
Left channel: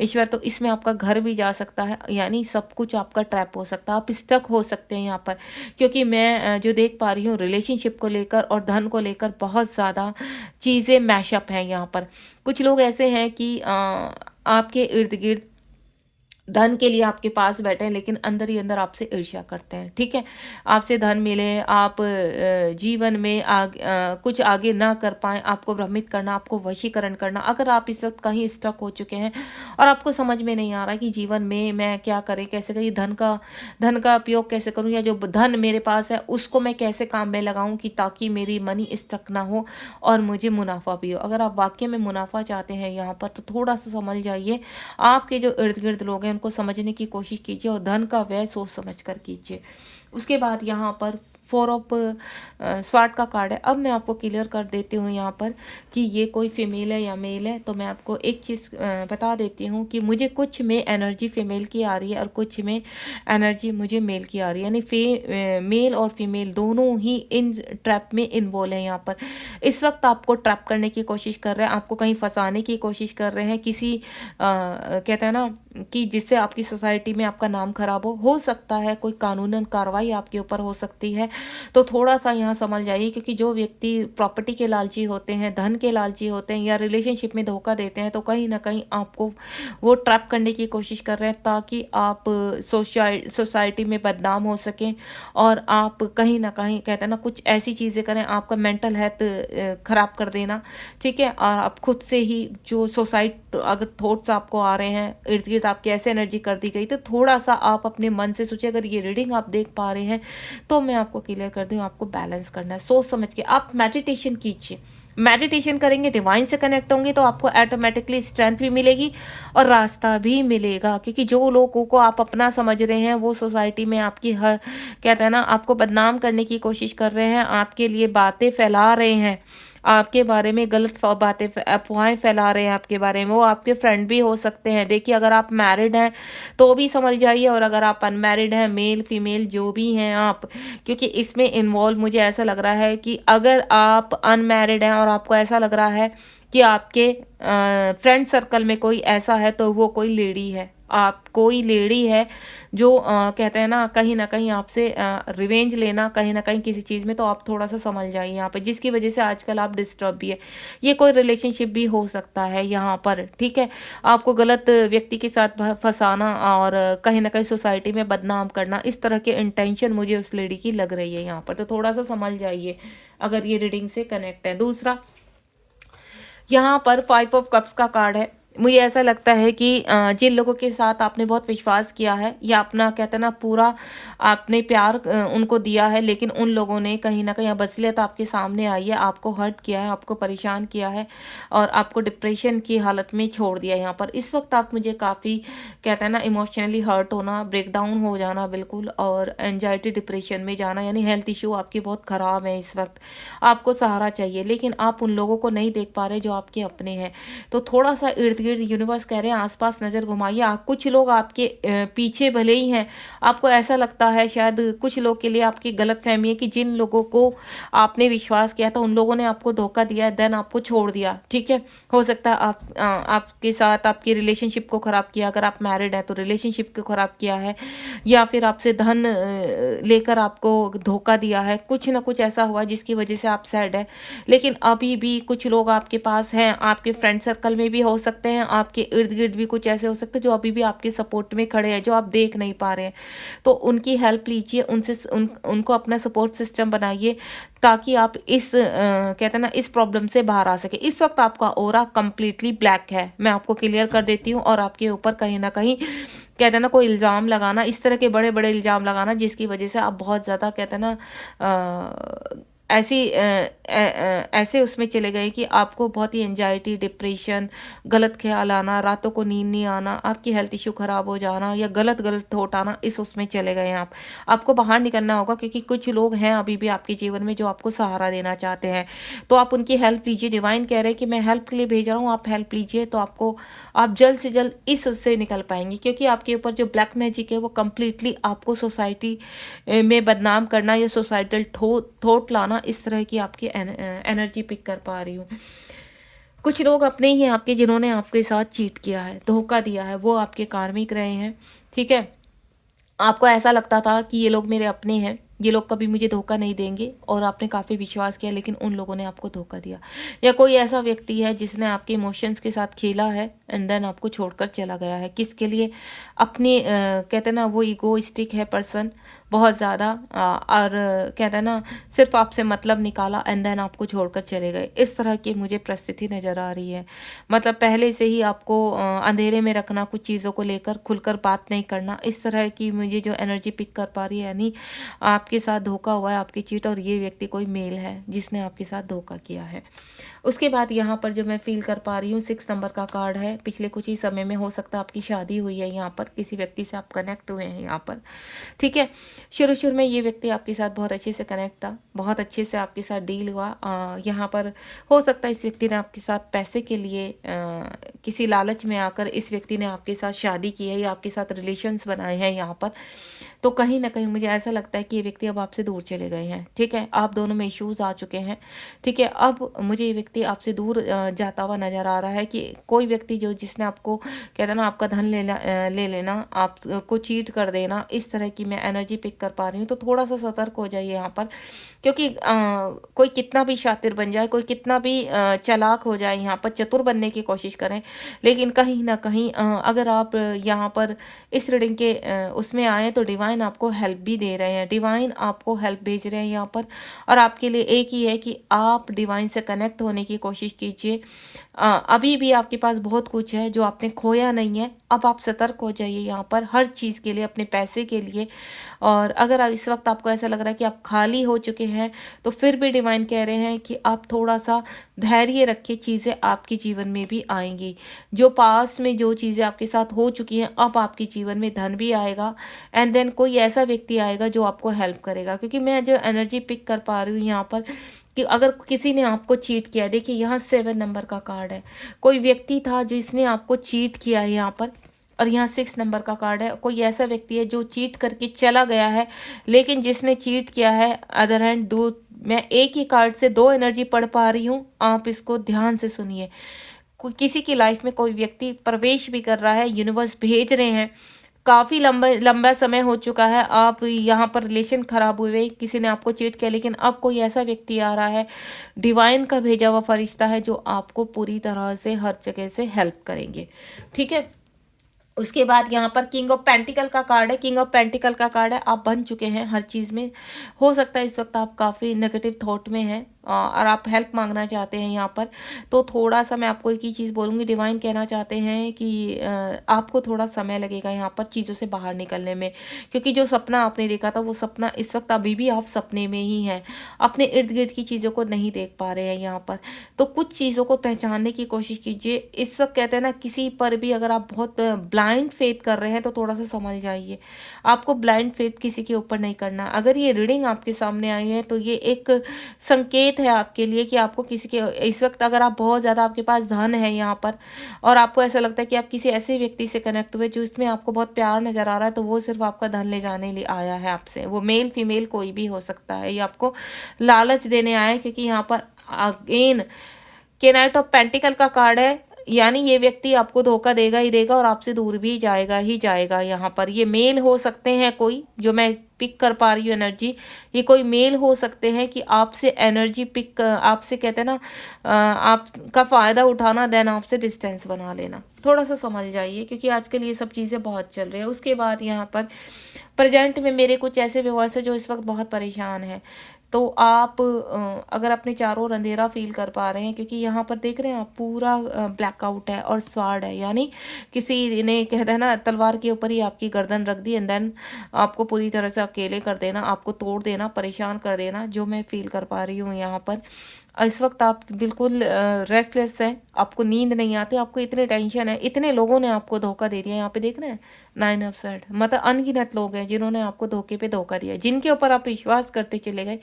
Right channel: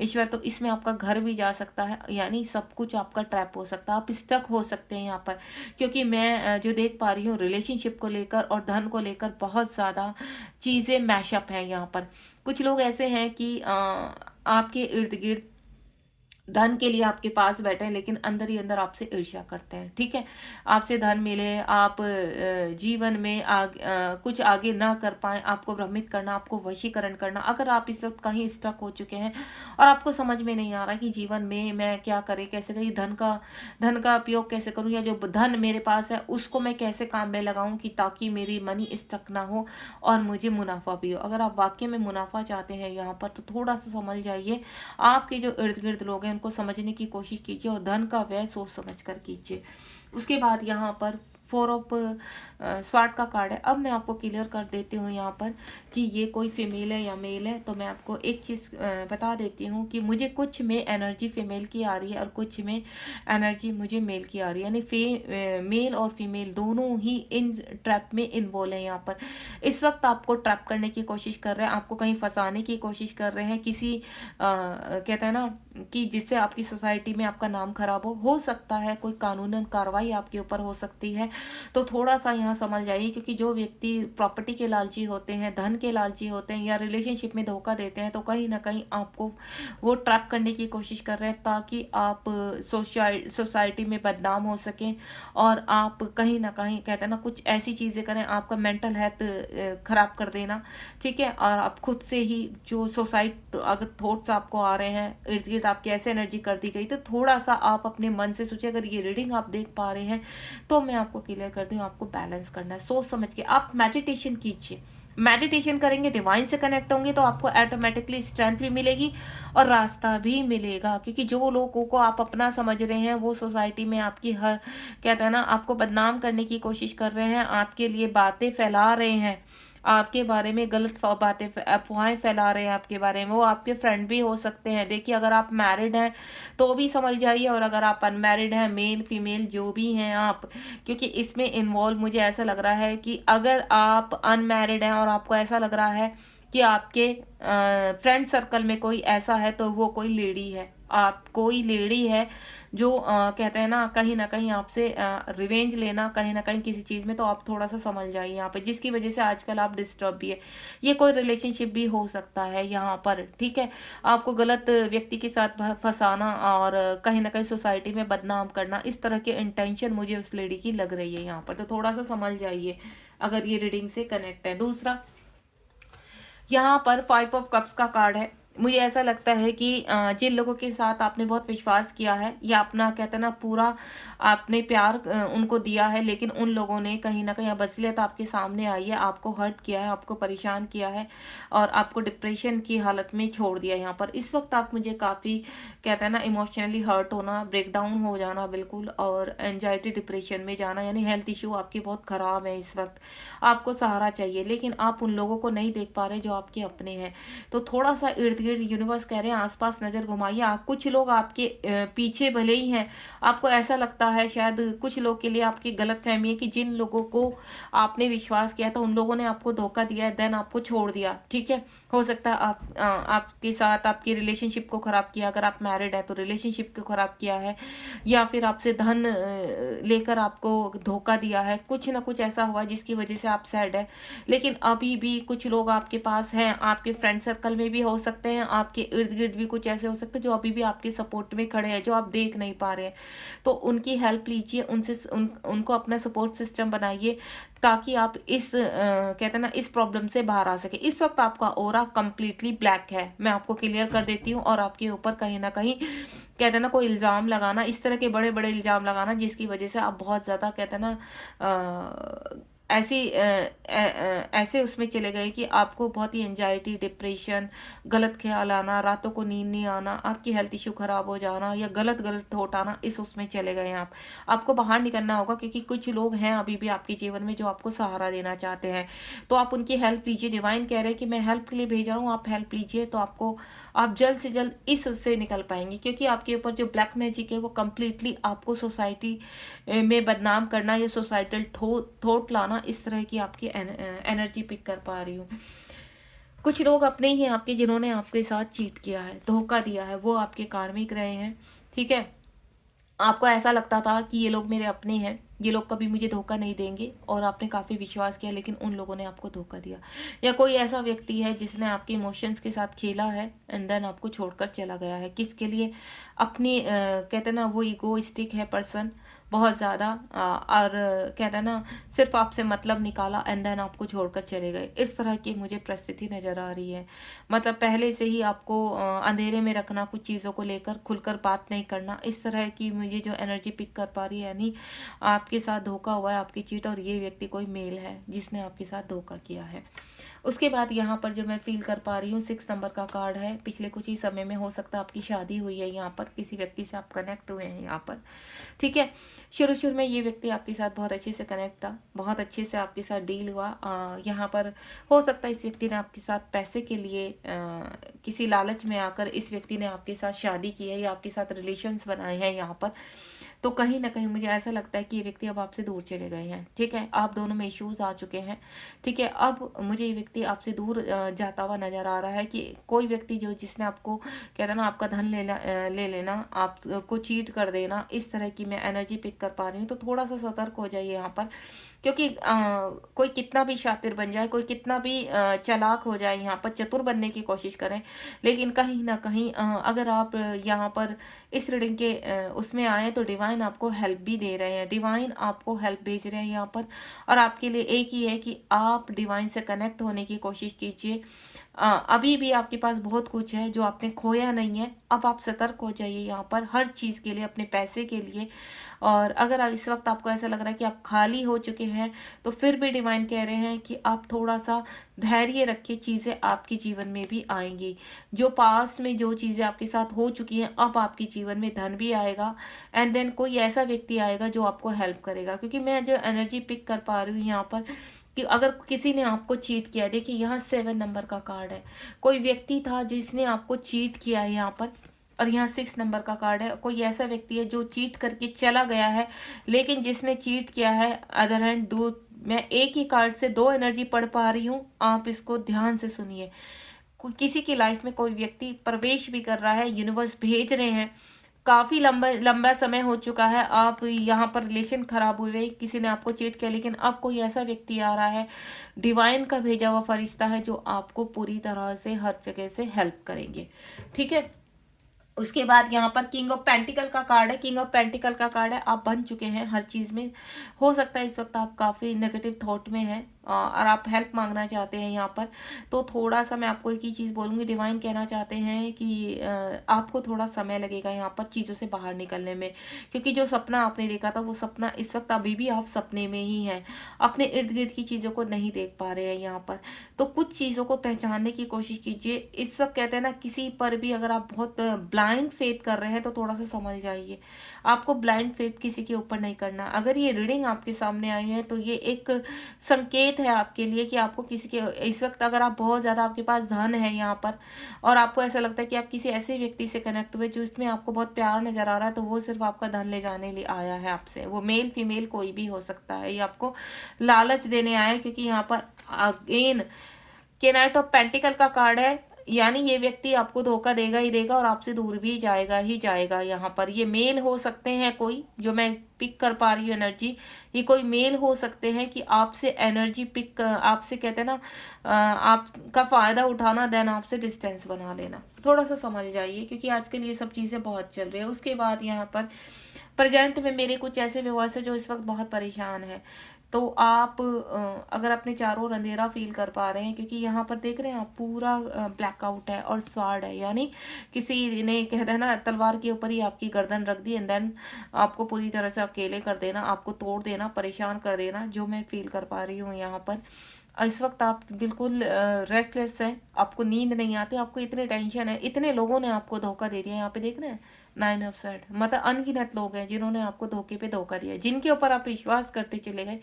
ईश्वर, तो इसमें आपका घर भी जा सकता है, यानी सब कुछ आपका ट्रैप हो सकता है, आप स्टक हो सकते हैं यहाँ पर। क्योंकि मैं जो देख पा रही हूँ रिलेशनशिप को लेकर और धन को लेकर बहुत ज़्यादा चीज़ें मैशअप हैं यहाँ पर। कुछ लोग ऐसे हैं कि आपके इर्द गिर्द धन के लिए आपके पास बैठे हैं, लेकिन अंदर ही अंदर आपसे ईर्ष्या करते हैं। ठीक है, आपसे धन मिले, आप जीवन में कुछ आगे ना कर पाए, आपको भ्रमित करना, आपको वशीकरण करना। अगर आप इस वक्त कहीं स्टक हो चुके हैं और आपको समझ में नहीं आ रहा कि जीवन में मैं क्या करें, कैसे करें, धन का उपयोग कैसे करूं, या जो धन मेरे पास है उसको मैं कैसे काम में लगाऊं कि ताकि मेरी मनी स्टक ना हो और मुझे मुनाफा भी हो। अगर आप वाकई में मुनाफा चाहते हैं यहाँ पर, तो थोड़ा सा समझ जाइए, आपके जो इर्द गिर्द लोग हैं उनको समझने की कोशिश कीजिए, और धन का व्यय सोच समझ कर कीजिए। उसके बाद यहाँ पर 4 ऑफ स्वार्ड का कार्ड है। अब मैं आपको क्लियर कर देती हूँ यहाँ पर कि ये कोई फीमेल है या मेल है। तो मैं आपको एक चीज़ बता देती हूँ कि मुझे कुछ में एनर्जी फीमेल की आ रही है और कुछ में एनर्जी मुझे मेल की आ रही है, यानी मेल और फीमेल दोनों ही इन ट्रैप में इन्वॉल्व है यहाँ पर। इस वक्त आपको ट्रैप करने की कोशिश कर रहे हैं, आपको कहीं फंसाने की कोशिश कर रहे हैं, किसी कहते हैं ना कि जिससे आपकी सोसाइटी में आपका नाम खराब हो सकता है, कोई कानूनन कार्रवाई आपके ऊपर हो सकती है। तो थोड़ा सा यहाँ समझ जाइए, क्योंकि जो व्यक्ति प्रॉपर्टी के लालची होते हैं, धन के लालची होते हैं, या रिलेशनशिप में धोखा देते हैं, तो कहीं ना कहीं आपको वो ट्रैप करने की कोशिश कर रहे हैं ताकि आप सोसाइटी में बदनाम हो सकें, और आप कहीं ना कहीं कहते हैं ना कुछ ऐसी चीज़ें करें, आपका मेंटल हेल्थ खराब कर देना। ठीक है, और आप खुद से ही जो अगर थॉट्स आपको आ रहे हैं, इर्द गिर्द आपकी ऐसे एनर्जी कर दी गई, तो थोड़ा सा आप अपने मन से सोचिए। अगर ये रीडिंग आप देख पा रहे हैं तो मैं आपको क्लियर कर दूं, आपको बैलेंस करना है, सोच समझ के आप मेडिटेशन कीजिए। मेडिटेशन करेंगे, डिवाइन से कनेक्ट होंगे, तो आपको ऑटोमेटिकली स्ट्रेंथ भी मिलेगी और रास्ता भी मिलेगा। क्योंकि जो लोगों को आप अपना समझ रहे हैं वो सोसाइटी में आपकी हर कहते हैं ना आपको बदनाम करने की कोशिश कर रहे हैं, आपके लिए बातें फैला रहे हैं, आपके बारे में गलत बातें अफवाहें फैला रहे हैं आपके बारे में, वो आपके फ्रेंड भी हो सकते हैं। देखिए, अगर आप मैरिड हैं तो भी समझ जाइए, और अगर आप अनमैरिड हैं, मेल फीमेल जो भी हैं आप, क्योंकि इसमें इन्वॉल्व मुझे ऐसा लग रहा है कि अगर आप अनमैरिड हैं और आपको ऐसा लग रहा है कि आपके फ्रेंड सर्कल में कोई ऐसा है, तो वो कोई लेडी है। आप कोई लेडी है जो कहते हैं ना कहीं आपसे रिवेंज लेना कहीं ना कहीं किसी चीज़ में, तो आप थोड़ा सा समझ जाइए यहाँ पर, जिसकी वजह से आजकल आप डिस्टर्ब भी है। ये कोई रिलेशनशिप भी हो सकता है यहाँ पर, ठीक है। आपको गलत व्यक्ति के साथ फंसाना और कहीं ना कहीं सोसाइटी में बदनाम करना, इस तरह के इंटेंशन मुझे उस लेडी की लग रही है यहाँ पर, तो थोड़ा सा समझ जाइए अगर ये रीडिंग से कनेक्ट है। दूसरा, यहाँ पर 5 ऑफ कप्स का कार्ड है। मुझे ऐसा लगता है कि जिन लोगों के साथ आपने बहुत विश्वास किया है या अपना कहते हैं ना पूरा आपने प्यार उनको दिया है, लेकिन उन लोगों ने कहीं ना कहीं अब असलियत आपके सामने आई है, आपको हर्ट किया है, आपको परेशान किया है और आपको डिप्रेशन की हालत में छोड़ दिया। यहाँ पर इस वक्त आप मुझे काफ़ी कहते हैं ना इमोशनली हर्ट होना, ब्रेक डाउन हो जाना बिल्कुल, और एनजाइटी डिप्रेशन में जाना, यानी हेल्थ इशू आपकी बहुत ख़राब है इस वक्त। आपको सहारा चाहिए, लेकिन आप उन लोगों को नहीं देख पा रहे जो आपके अपने हैं। तो थोड़ा सा इर्द गिर्द यूनिवर्स कह रहे हैं आसपास नज़र घुमाइए। आप कुछ लोग आपके पीछे भले ही हैं, आपको ऐसा लगता है शायद कुछ लोग के लिए आपकी गलत फहमी है कि जिन लोगों को आपने विश्वास किया था उन लोगों ने आपको धोखा दिया है, देन आपको छोड़ दिया, ठीक है। हो सकता है आपके साथ आपकी रिलेशनशिप को ख़राब किया, अगर आप मैरिड है तो रिलेशनशिप को ख़राब किया है, या फिर आपसे धन लेकर आपको धोखा दिया है, कुछ ना कुछ ऐसा हुआ जिसकी वजह से आप सैड है। लेकिन अभी भी कुछ लोग आपके पास हैं, आपके फ्रेंड सर्कल में भी हो सकते हैं, आपके इर्द गिर्द भी कुछ ऐसे हो सकते हैं जो अभी भी आपके सपोर्ट में खड़े हैं, जो आप देख नहीं पा रहे हैं। तो उनकी हेल्प लीजिए, उनको अपना सपोर्ट सिस्टम बनाइए, ताकि आप इस कहते हैं ना इस प्रॉब्लम से बाहर आ सके। इस वक्त आपका ऑरा कंप्लीटली ब्लैक है, मैं आपको क्लियर कर देती हूँ, और आपके ऊपर कहीं ना कहीं कहते हैं ना कोई इल्ज़ाम लगाना, इस तरह के बड़े बड़े इल्ज़ाम लगाना जिसकी वजह से आप बहुत ज़्यादा कहते हैं ना ऐसे उसमें चले गए कि आपको बहुत ही एंजाइटी, डिप्रेशन, गलत ख्याल आना, रातों को नींद नहीं आना, आपकी हेल्थ इशू ख़राब हो जाना या गलत गलत थॉट आना, इस उसमें चले गए हैं आप। आपको बाहर निकलना होगा, क्योंकि कुछ लोग हैं अभी भी आपके जीवन में जो आपको सहारा देना चाहते हैं, तो आप उनकी हेल्प लीजिए। डिवाइन कह रहे हैं कि मैं हेल्प के लिए भेज रहा हूँ, आप हेल्प लीजिए, तो आपको आप जल्द से जल्द इस उससे निकल पाएंगे, क्योंकि आपके ऊपर जो ब्लैक मैजिक है वो कम्प्लीटली आपको सोसाइटी में बदनाम करना या सोसाइटल थॉट लाना, इस तरह की आपकी एनर्जी पिक कर पा रही हूँ। कुछ लोग अपने ही हैं आपके जिन्होंने आपके साथ चीट किया है, धोखा दिया है, वो आपके कार्मिक रहे हैं, ठीक है। आपको ऐसा लगता था कि ये लोग मेरे अपने हैं, ये लोग कभी मुझे धोखा नहीं देंगे, और आपने काफ़ी विश्वास किया, लेकिन उन लोगों ने आपको धोखा दिया। या कोई ऐसा व्यक्ति है जिसने आपके इमोशंस के साथ खेला है एंड देन आपको छोड़कर चला गया है। किसके लिए? अपने कहते हैं ना वो ईगोइस्टिक है पर्सन बहुत ज़्यादा, और कहते हैं ना सिर्फ आपसे मतलब निकाला एंड देन आपको छोड़कर चले गए। इस तरह की मुझे परिस्थिति नज़र आ रही है। मतलब पहले से ही आपको अंधेरे में रखना, कुछ चीज़ों को लेकर खुलकर बात नहीं करना, इस तरह की मुझे जो एनर्जी पिक कर पा रही है, यानी आपके साथ धोखा हुआ है, आपकी चीट, और ये व्यक्ति कोई मेल है जिसने आपके साथ धोखा किया है। उसके बाद यहाँ पर जो मैं फील कर पा रही हूँ 6 नंबर का कार्ड है। पिछले कुछ ही समय में हो सकता है आपकी शादी हुई है, यहाँ पर किसी व्यक्ति से आप कनेक्ट हुए हैं यहाँ पर, ठीक है। शुरू में ये व्यक्ति आपके साथ बहुत अच्छे से कनेक्ट था, बहुत अच्छे से आपके साथ डील हुआ। यहाँ पर हो सकता है इस व्यक्ति ने आपके साथ पैसे के लिए किसी लालच में आकर इस व्यक्ति ने आपके साथ शादी की है या आपके साथ रिलेशंस बनाए हैं यहाँ पर। तो कहीं ना कहीं मुझे ऐसा लगता है कि ये व्यक्ति अब आपसे दूर चले गए हैं, ठीक है। आप दोनों में इश्यूज आ चुके हैं, ठीक है। अब मुझे ये व्यक्ति आपसे दूर जाता हुआ नजर आ रहा है, कि कोई व्यक्ति जो जिसने आपको कहता है ना आपका धन ले लेना, आपको चीट कर देना, इस तरह की मैं एनर्जी पिक कर पा रही हूँ। तो थोड़ा सा सतर्क हो जाइए यहाँ पर, क्योंकि कोई कितना भी शातिर बन जाए, कोई कितना भी चालाक हो जाए, यहाँ पर चतुर बनने की कोशिश करें, लेकिन कहीं ना कहीं अगर आप यहाँ पर इस रीडिंग के उसमें आए तो डिवाइन आपको हेल्प भी दे रहे हैं, डिवाइन आपको हेल्प भेज रहे हैं यहाँ पर। और आपके लिए एक ही है कि आप डिवाइन से कनेक्ट होने की कोशिश कीजिए। अभी भी आपके पास बहुत कुछ है जो आपने खोया नहीं है। अब आप सतर्क हो जाइए यहाँ पर हर चीज़ के लिए, अपने पैसे के लिए। और अगर आप इस वक्त आपको ऐसा लग रहा है कि आप खाली हो चुके हैं, तो फिर भी डिवाइन कह रहे हैं कि आप थोड़ा सा धैर्य रखिए, चीज़ें आपके जीवन में भी आएंगी। जो पास्ट में जो चीज़ें आपके साथ हो चुकी हैं, अब आपके जीवन में धन भी आएगा, एंड देन कोई ऐसा व्यक्ति आएगा जो आपको हेल्प करेगा। क्योंकि मैं जो एनर्जी पिक कर पा रही हूँ यहाँ पर, कि अगर किसी ने आपको चीट किया, देखिए यहाँ 7 नंबर का कार्ड है, कोई व्यक्ति था जिसने आपको चीट किया है यहाँ पर, और यहाँ 6 नंबर का कार्ड है, कोई ऐसा व्यक्ति है जो चीट करके चला गया है, लेकिन जिसने चीट किया है अदर हैंड दो, मैं एक ही कार्ड से दो एनर्जी पढ़ पा रही हूँ, आप इसको ध्यान से सुनिए। कोई किसी की लाइफ में कोई व्यक्ति प्रवेश भी कर रहा है, यूनिवर्स भेज रहे हैं। काफ़ी लंबा लंबा समय हो चुका है, आप यहाँ पर रिलेशन खराब हुए, किसी ने आपको चीट किया, लेकिन अब कोई ऐसा व्यक्ति आ रहा है, डिवाइन का भेजा हुआ फरिश्ता है, जो आपको पूरी तरह से हर जगह से हेल्प करेंगे। ठीक है। उसके बाद यहाँ पर किंग ऑफ पेंटिकल का कार्ड है। किंग ऑफ पेंटिकल का कार्ड है, आप बन चुके हैं हर चीज़ में। हो सकता है इस वक्त आप काफ़ी नेगेटिव थॉट में हैं और आप हेल्प मांगना चाहते हैं यहाँ पर। तो थोड़ा सा मैं आपको एक ही चीज़ बोलूँगी, डिवाइन कहना चाहते हैं कि आपको थोड़ा समय लगेगा यहाँ पर चीज़ों से बाहर निकलने में, क्योंकि जो सपना आपने देखा था वो सपना इस वक्त अभी भी आप सपने में ही हैं, अपने इर्द गिर्द की चीज़ों को नहीं देख पा रहे हैं यहाँ पर। तो कुछ चीज़ों को पहचानने की कोशिश कीजिए। इस वक्त कहते हैं ना, किसी पर भी अगर आप बहुत ब्लाइंड फेथ कर रहे हैं तो थोड़ा सा समझ जाइए, आपको ब्लाइंड फेथ किसी के ऊपर नहीं करना। अगर ये रीडिंग आपके सामने आई है तो ये एक संकेत है आपके लिए कि आपको किसी के इस वक्त, अगर आप बहुत ज़्यादा आपके पास धन है यहाँ पर और आपको ऐसा लगता है कि आप किसी ऐसे व्यक्ति से कनेक्ट हुए जो इसमें आपको बहुत प्यार नज़र आ रहा है, तो वो सिर्फ आपका धन ले जाने लिए आया है आपसे। वो मेल फीमेल कोई भी हो सकता है, ये आपको लालच देने आए, क्योंकि यहाँ पर अगेन के नाइट ऑफ पेंटिकल का कार्ड है, यानी ये व्यक्ति आपको धोखा देगा ही देगा और आपसे दूर भी जाएगा ही जाएगा। यहाँ पर ये मेल हो सकते हैं, कोई जो मैं पिक कर पा रही हूँ एनर्जी, ये कोई मेल हो सकते हैं कि आपसे एनर्जी पिक, आपसे कहते हैं ना आपका फ़ायदा उठाना, देन आपसे डिस्टेंस बना लेना। थोड़ा सा समझ जाइए, क्योंकि आजकल ये सब चीज़ें बहुत चल रही है। उसके बाद यहाँ पर प्रेजेंट में मेरे कुछ ऐसे व्यूअर्स हैं जो इस वक्त बहुत परेशान हैं। तो आप अगर अपने चारों ओर अंधेरा फील कर पा रहे हैं, क्योंकि यहाँ पर देख रहे हैं आप पूरा ब्लैकआउट है और स्वाड है, यानी किसी ने कहते हैं ना तलवार के ऊपर ही आपकी गर्दन रख दी एंड देन आपको पूरी तरह से अकेले कर देना, आपको तोड़ देना, परेशान कर देना, जो मैं फील कर पा रही हूँ यहाँ पर। इस वक्त आप बिल्कुल रेस्टलेस हैं, आपको नींद नहीं आती, आपको इतने टेंशन है, इतने लोगों ने आपको धोखा दे दिया। यहाँ पे देख रहे हैं 9 ऑफ सॉर्ड, मतलब अनगिनत लोग हैं जिन्होंने आपको धोखे पे धोखा दिया, जिनके ऊपर आप विश्वास करते चले गए,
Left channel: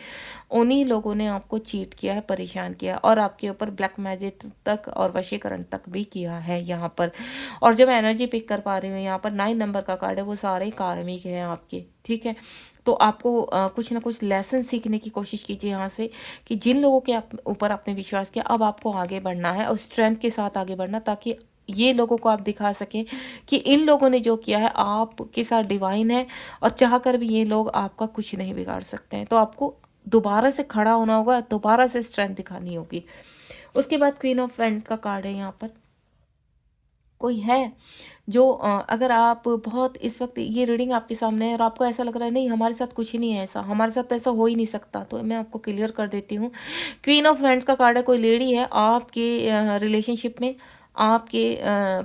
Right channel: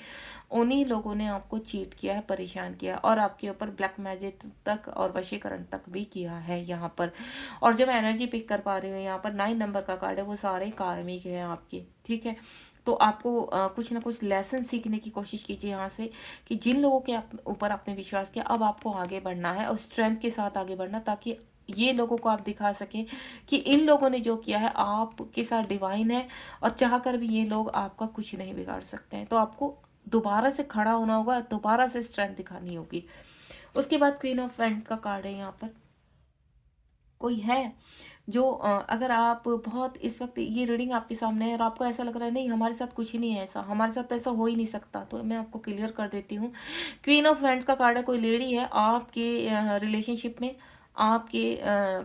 उन्हीं लोगों ने आपको चीट किया है, परेशान किया और आपके ऊपर ब्लैक मैजिक तक और वशीकरण तक भी किया है यहाँ पर। और जब एनर्जी पिक कर पा रही हूँ यहाँ पर 9 नंबर का कार्ड है, वो सारे कार्मिक हैं आपके। ठीक है। तो आपको कुछ ना कुछ लेसन सीखने की कोशिश कीजिए यहाँ से, कि जिन लोगों के ऊपर आपने विश्वास किया, अब आपको आगे बढ़ना है और स्ट्रेंथ के साथ आगे बढ़ना, ताकि ये लोगों को आप दिखा सकें कि इन लोगों ने जो किया है आपके साथ डिवाइन है, और चाह कर भी ये लोग आपका कुछ नहीं बिगाड़ सकते हैं। तो आपको दोबारा से खड़ा होना होगा, दोबारा से स्ट्रेंथ दिखानी होगी। उसके बाद क्वीन ऑफ वैंड का कार्ड है यहाँ पर। कोई है जो अगर आप बहुत इस वक्त ये रीडिंग आपके सामने है और आपको ऐसा लग रहा है नहीं हमारे साथ कुछ ही नहीं है, ऐसा हमारे साथ तो ऐसा हो ही नहीं सकता, तो मैं आपको क्लियर कर देती हूँ। क्वीन ऑफ वैंड्स का कार्ड है, कोई लेडी है आपके रिलेशनशिप में, आपके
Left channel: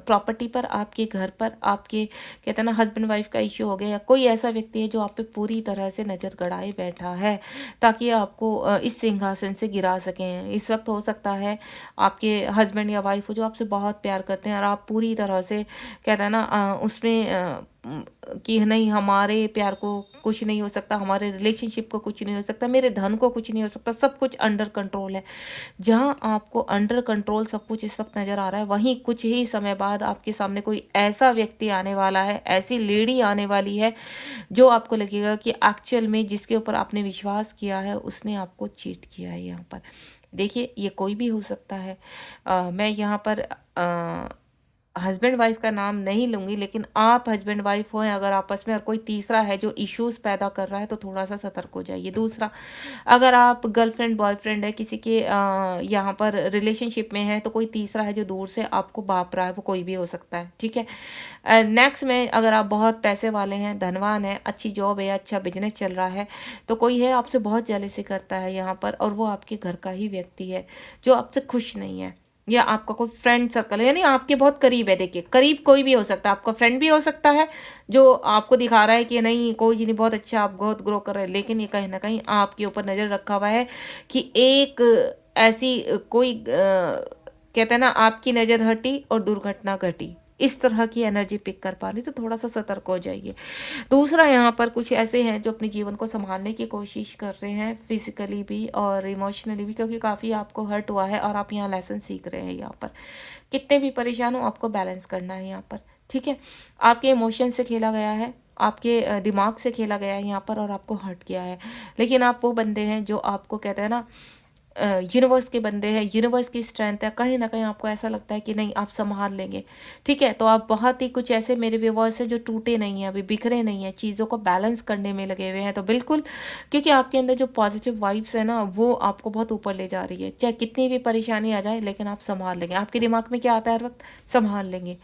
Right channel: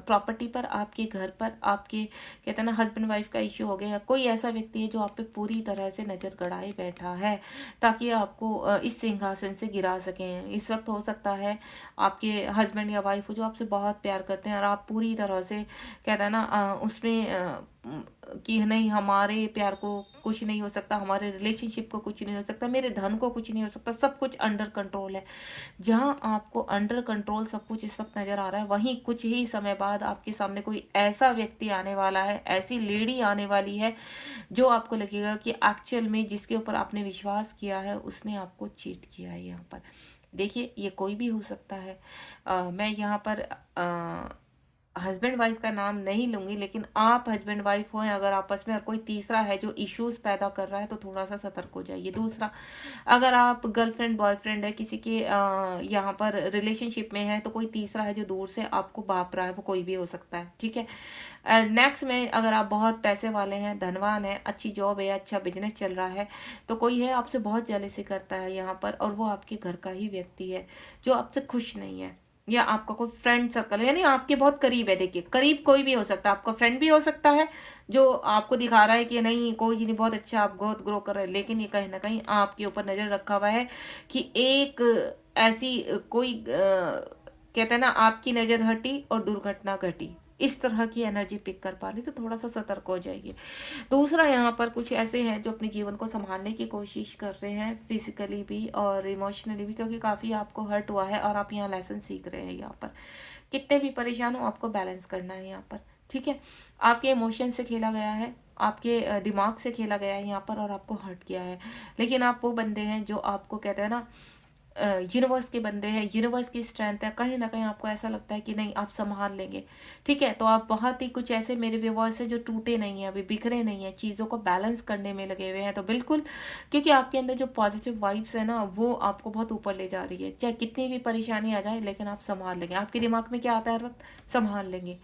प्रॉपर्टी पर, आपके घर पर, आपके कहते हैं ना हस्बैंड वाइफ का इश्यू हो गया, या कोई ऐसा व्यक्ति है जो आप पे पूरी तरह से नज़र गड़ाए बैठा है ताकि आपको इस सिंहासन से गिरा सकें। इस वक्त हो सकता है आपके हस्बैंड या वाइफ हो जो आपसे बहुत प्यार करते हैं और आप पूरी तरह से कहते हैं ना उसमें कि नहीं हमारे प्यार को कुछ नहीं हो सकता, हमारे रिलेशनशिप को कुछ नहीं हो सकता, मेरे धन को कुछ नहीं हो सकता, सब कुछ अंडर कंट्रोल है। जहाँ आपको अंडर कंट्रोल सब कुछ इस वक्त नज़र आ रहा है, वहीं कुछ ही समय बाद आपके सामने कोई ऐसा व्यक्ति आने वाला है, ऐसी लेडी आने वाली है जो आपको लगेगा कि एक्चुअल में जिसके ऊपर आपने विश्वास किया है उसने आपको चीट किया है। यहाँ पर देखिए ये कोई भी हो सकता है। मैं यहाँ पर हस्बैंड वाइफ का नाम नहीं लूँगी, लेकिन आप हस्बैंड वाइफ हो अगर आपस में, और कोई तीसरा है जो इश्यूज़ पैदा कर रहा है, तो थोड़ा सा सतर्क हो जाइए। दूसरा, अगर आप गर्लफ्रेंड बॉयफ्रेंड है किसी के यहाँ पर रिलेशनशिप में है, तो कोई तीसरा है जो दूर से आपको भाप रहा है, वो कोई भी हो सकता है। ठीक है। नेक्स्ट में अगर आप बहुत पैसे वाले हैं, धनवान है, अच्छी जॉब है, अच्छा बिजनेस चल रहा है, तो कोई है आपसे बहुत जेलसी करता है यहाँ पर, और वो आपके घर का ही व्यक्ति है जो आपसे खुश नहीं है, या आपका कोई फ्रेंड सर्कल है, यानी आपके बहुत करीब है। देखिए करीब कोई भी हो सकता है, आपका फ्रेंड भी हो सकता है जो आपको दिखा रहा है कि नहीं कोई नहीं, बहुत अच्छा, आप बहुत ग्रो कर रहे हैं, लेकिन ये कहीं ना कहीं आपके ऊपर नज़र रखा हुआ है कि एक ऐसी कोई कहते हैं ना आपकी नज़र हटी और दुर्घटना घटी, इस तरह की एनर्जी पिक कर पा रही, तो थोड़ा सा सतर्क हो जाइए। दूसरा, यहाँ पर कुछ ऐसे हैं जो अपने जीवन को संभालने की कोशिश कर रहे हैं, फिजिकली भी और इमोशनली भी, क्योंकि काफ़ी आपको हर्ट हुआ है और आप यहाँ लेसन सीख रहे हैं। यहाँ पर कितने भी परेशान हो, आपको बैलेंस करना है यहाँ पर। ठीक है। आपके इमोशन से खेला गया है, आपके दिमाग से खेला गया है यहाँ पर, और आपको हर्ट किया है, लेकिन आप वो बंदे हैं जो आपको कहते हैं ना यूनिवर्स के बंदे हैं, यूनिवर्स की स्ट्रेंथ है, कहीं ना कहीं आपको ऐसा लगता है कि नहीं आप संभाल लेंगे। ठीक है, तो आप बहुत ही कुछ ऐसे मेरे व्यूवर्स हैं जो टूटे नहीं हैं, अभी बिखरे नहीं हैं, चीज़ों को बैलेंस करने में लगे हुए हैं। तो बिल्कुल, क्योंकि आपके अंदर जो पॉजिटिव वाइब्स है ना, वो आपको बहुत ऊपर ले जा रही है। चाहे कितनी भी परेशानी आ जाए, लेकिन आप संभाल लेंगे। आपके दिमाग में क्या आता है हर वक्त? संभाल लेंगे,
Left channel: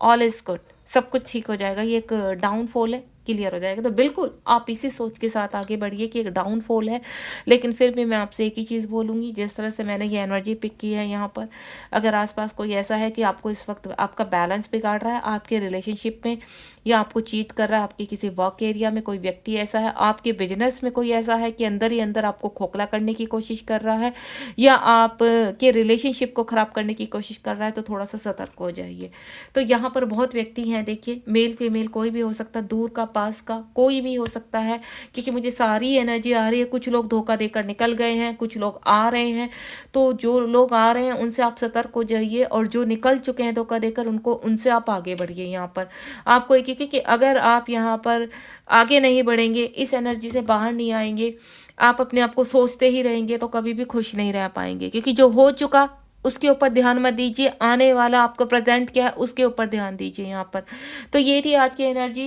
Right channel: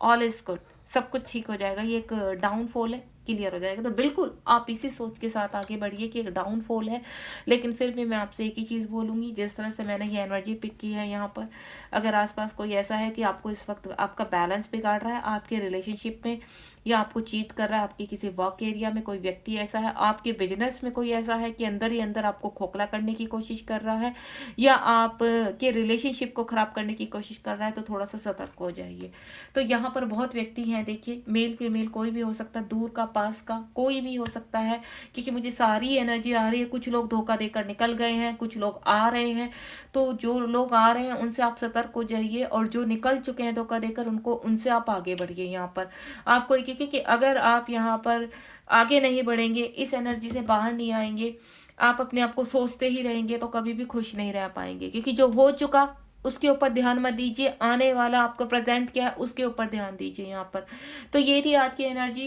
ऑल इज गुड, सब कुछ ठीक हो जाएगा, ये एक डाउनफॉल है, क्लियर हो जाएगा। तो बिल्कुल आप इसी सोच के साथ आगे बढ़िए कि एक डाउनफॉल है, लेकिन फिर भी मैं आपसे एक ही चीज़ बोलूँगी, जिस तरह से मैंने ये एनर्जी पिक की है यहाँ पर, अगर आसपास कोई ऐसा है कि आपको इस वक्त आपका बैलेंस बिगाड़ रहा है आपके रिलेशनशिप में, या आपको चीट कर रहा है, आपके किसी वर्क एरिया में कोई व्यक्ति ऐसा है, आपके बिजनेस में कोई ऐसा है कि अंदर ही अंदर आपको खोखला करने की कोशिश कर रहा है, या आप के रिलेशनशिप को ख़राब करने की कोशिश कर रहा है, तो थोड़ा सा सतर्क हो जाइए। तो यहाँ पर बहुत व्यक्ति हैं, देखिए, मेल फीमेल कोई भी हो सकता है, दूर का पास का कोई भी हो सकता है, क्योंकि मुझे सारी एनर्जी आ रही है। कुछ लोग धोखा देकर निकल गए हैं, कुछ लोग आ रहे हैं। तो जो लोग आ रहे हैं उनसे आप सतर्क हो जाइए, और जो निकल चुके हैं धोखा देकर, उनसे आप आगे बढ़िए। यहाँ पर आपको एक, क्योंकि अगर आप यहाँ पर आगे नहीं बढ़ेंगे, इस एनर्जी से बाहर नहीं आएंगे, आप अपने आप को सोचते ही रहेंगे, तो कभी भी खुश नहीं रह पाएंगे। क्योंकि जो हो चुका उसके ऊपर ध्यान मत दीजिए, आने वाला आपका प्रेजेंट क्या है उसके ऊपर ध्यान दीजिए यहाँ पर। तो ये थी आज की एनर्जी,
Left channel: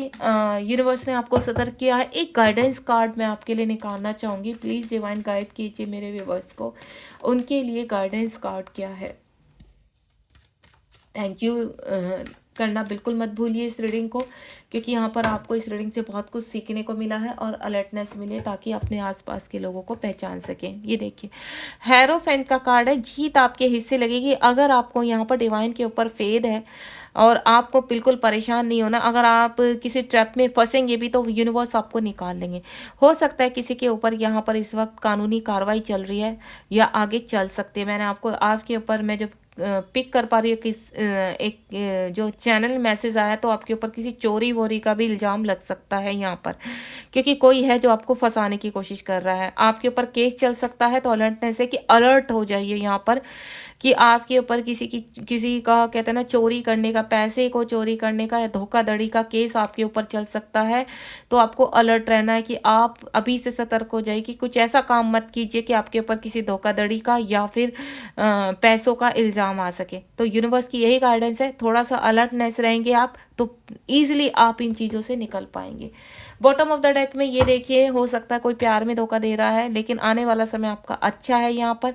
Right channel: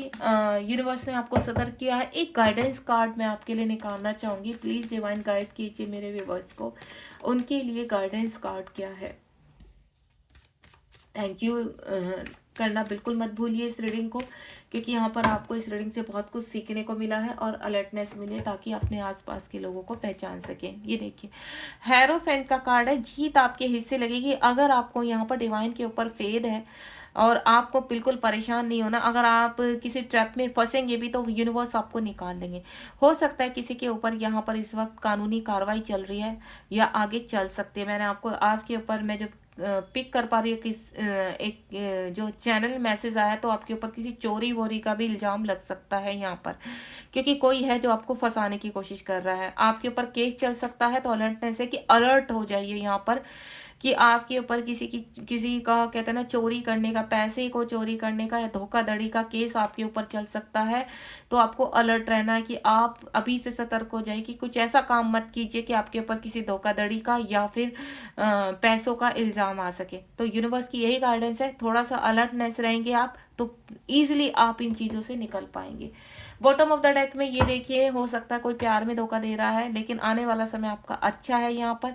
यूनिवर्स ने आपको सतर्क किया है। एक गाइडेंस कार्ड मैं आपके लिए निकालना चाहूँगी, प्लीज़ डिवाइन गाइड कीजिए मेरे व्यूवर्स को, उनके लिए गाइडेंस कार्ड क्या है। थैंक यू करना बिल्कुल मत भूलिए इस रीडिंग को, क्योंकि यहाँ पर आपको इस रीडिंग से बहुत कुछ सीखने को मिला है और अलर्टनेस मिले, ताकि अपने आसपास के लोगों को पहचान सकें। ये देखिए, हेरोफेंट का कार्ड है, जीत आपके हिस्से लगेगी। अगर आपको यहाँ पर डिवाइन के ऊपर फेद है और आपको बिल्कुल परेशान नहीं होना, अगर आप किसी ट्रैप में फंसेंगे भी, तो यूनिवर्स आपको निकाल लेंगे। हो सकता है किसी के ऊपर यहाँ पर इस वक्त कानूनी कार्रवाई चल रही है, या आगे चल सकती है। मैंने आपको आपके ऊपर मैं जब पिक कर पा रही हूँ किस एक जो चैनल मैसेज आया, तो आपके ऊपर किसी चोरी वोरी का भी इल्ज़ाम लग सकता है यहाँ पर, क्योंकि कोई है जो आपको फंसाने की कोशिश कर रहा है, आपके ऊपर केस चल सकता है। तो अलर्टनेस है कि अलर्ट हो जाइए यहाँ पर, कि आपके ऊपर किसी का कहते हैं ना चोरी करने का, पैसे को चोरी करने का या धोखाधड़ी का केस आपके ऊपर चल सकता है। तो आपको अलर्ट रहना है कि आप अभी से सतर्क हो जाइए कि कुछ ऐसा काम मत कीजिए कि आपके ऊपर किसी धोखाधड़ी का या फिर पैसों का इल्ज़ाम आ सके। तो यूनिवर्स की यही गाइडेंस है, थोड़ा सा अलर्टनेस रहेंगे आप, तो ईजिली आप इन चीज़ों से निकल पाएंगे। बॉटम ऑफ द डेक में ये देखिए, हो सकता है कोई प्यार में धोखा दे रहा है, लेकिन आने वाला समय आपका अच्छा है। यहाँ पर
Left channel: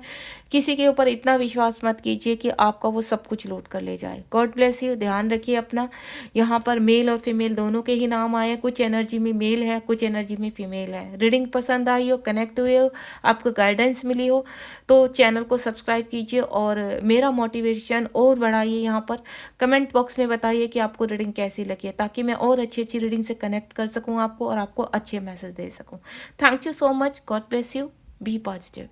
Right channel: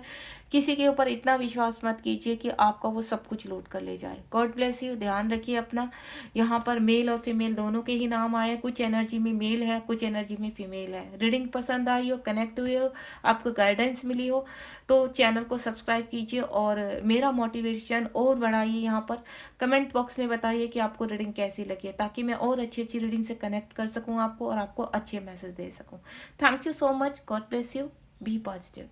किसी के ऊपर इतना विश्वास मत कीजिए कि आपका वो सब कुछ लूट कर ले जाए। गॉड ब्लेस यू, ध्यान रखिए अपना। यहाँ पर मेल और फीमेल दोनों के ही नाम आए, कुछ एनर्जी में मेल है, कुछ एनर्जी में फीमेल है। रीडिंग पसंद आई हो, कनेक्ट हुए हो, आपको गाइडेंस मिली हो, तो चैनल को सब्सक्राइब कीजिए और मेरा मोटिवेशन और बढ़ाइए। यहाँ पर कमेंट बॉक्स में बताइए कि आपको रीडिंग कैसी लगी है, ताकि मैं और अच्छी अच्छी रीडिंग से कनेक्ट कर सकूँ आपको, और आपको अच्छे मैसेज दे सकूँ। Thank you so much, God bless you, be positive.